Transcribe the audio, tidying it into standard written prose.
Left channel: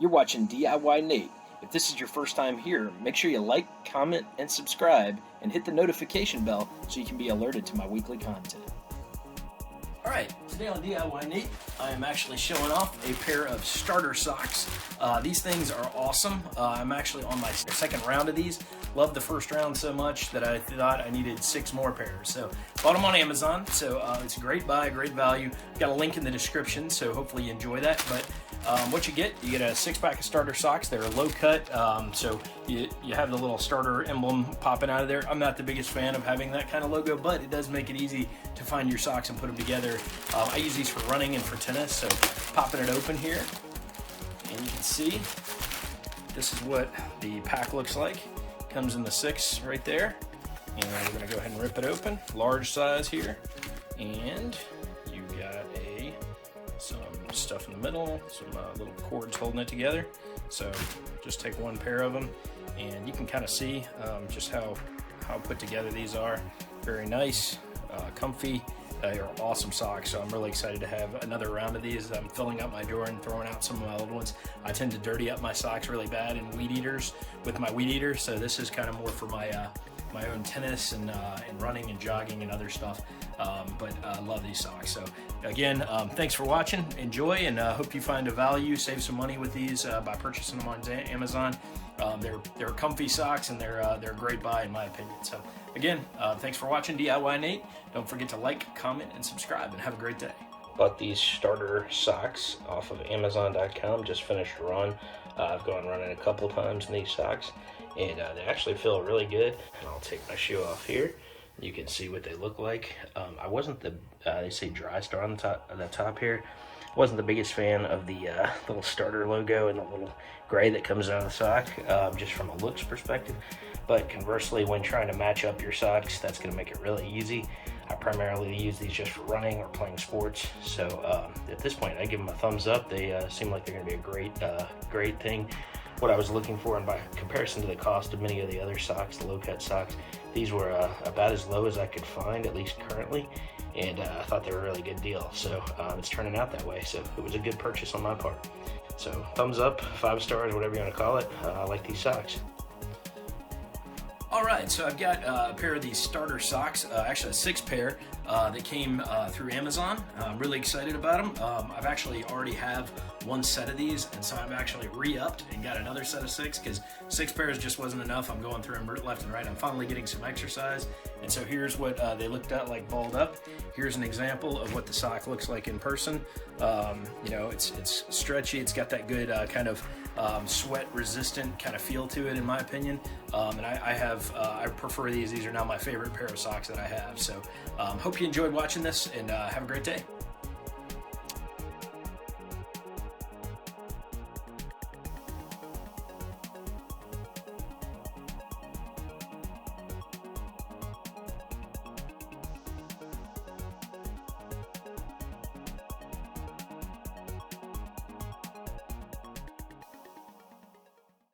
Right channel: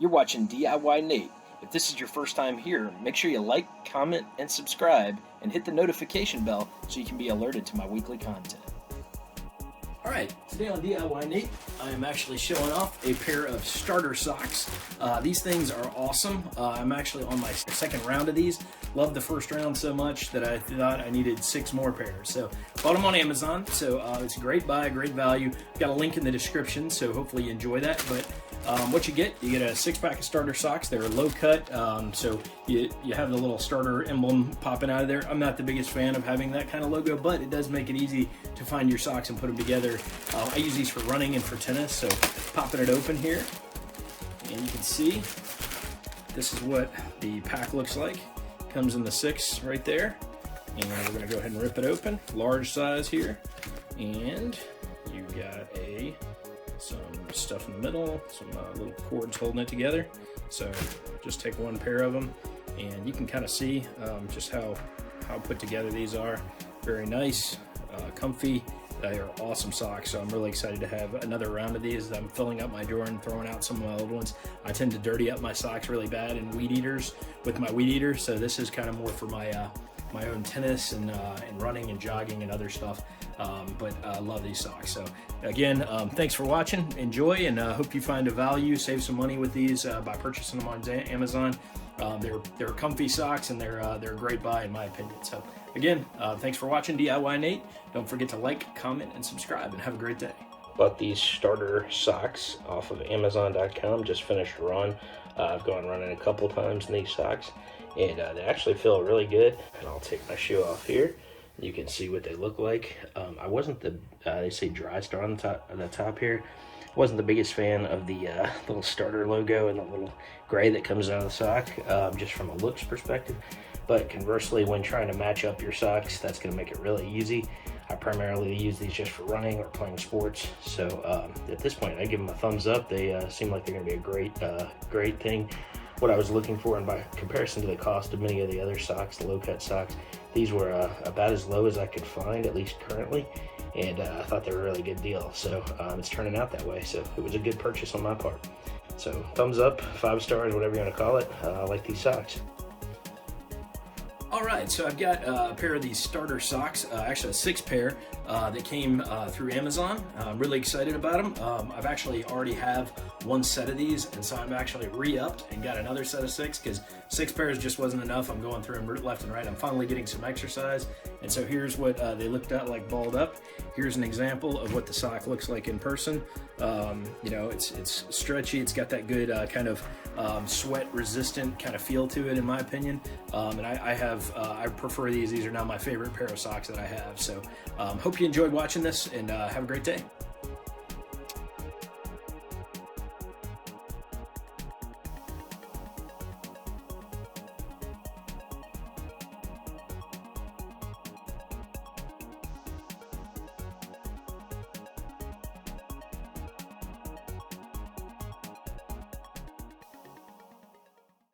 You're watching DIYNate. If this is your first time here, make sure you like, comment, and subscribe, and hit the notification bell so you can be alerted to my weekly content. Alright, today on DIYNate, I am actually showing off a pair of starter socks. These things are awesome. I'm actually on my second round of these. Loved the first round so much that I thought I needed 6 more pairs. So, bought them on Amazon, so it's a great buy, great value. Got a link in the description, so hopefully you enjoy that. But what you get a 6-pack of starter socks. They're low cut, so you have the little starter emblem popping out of there. I'm not the biggest fan of having that kind of logo, but it does make it easy to find your socks and put them together. I use these for running and for tennis, so popping it open here, and you can see this is what the pack looks like. Comes in the 6 right there, and we're going to go ahead and rip it open. Large size here, and you've got some stuff in the middle, some little cords holding it together. So just take one pair of them, and you can kind of see just how put together these are. Very nice, comfy. They are awesome socks, so I'm really excited to have another round of these. I'm filling up my drawer and throwing out some of my old ones. I tend to dirty up my socks really bad in weed eaters with my weed eater, so this is kind of more for my own tennis and running and jogging and other stuff. But I love these socks. So again, thanks for watching. Enjoy, and hope you find a value. Save some money with these by purchasing them on Amazon. They're comfy socks, and they're a great buy in my opinion. So again, thanks for watching DIYNate. Don't forget to like, comment, and subscribe, and have a great day. Bought these starter socks off of Amazon.com. Just finished a run. I've gone running a couple times in these socks, and they actually feel really good. And I'll take my shoe off here. You can see what they look like. I wasn't they say Dry Star on the top here. Wasn't the biggest fan of the little starter logo and the little gray that comes out of the sock, just from a looks perspective. But conversely, when trying to match up your socks, that's going to make it really easy. I primarily use these just for running or playing sports. So at this point, I give them a thumbs up. They seem like they're going to be a great thing. What I was looking for, and by comparison to the cost of many of the other socks, the low-cut socks, these were about as low as I could find, at least currently, and I thought they were a really good deal. So it's turning out that way, so it was a good purchase on my part. So thumbs up, 5 stars, whatever you want to call it. I like these socks. Alright, so I've got a pair of these starter socks, actually a 6 pair that came through Amazon. I'm really excited about them. I've actually already have 1 set of these, and so I'm actually re-upped and got another set of 6 because 6 pairs just wasn't enough. I'm going through them left and right. I'm finally getting some exercise, and so here's what they looked at like balled up. Here's an example of what the sock looks like in person. You know, it's stretchy. It's got that good kind of sweat resistant kind of feel to it, in my opinion. And I prefer these. These are now my favorite pair of socks that I have. So hope you enjoyed watching this, and have a great day.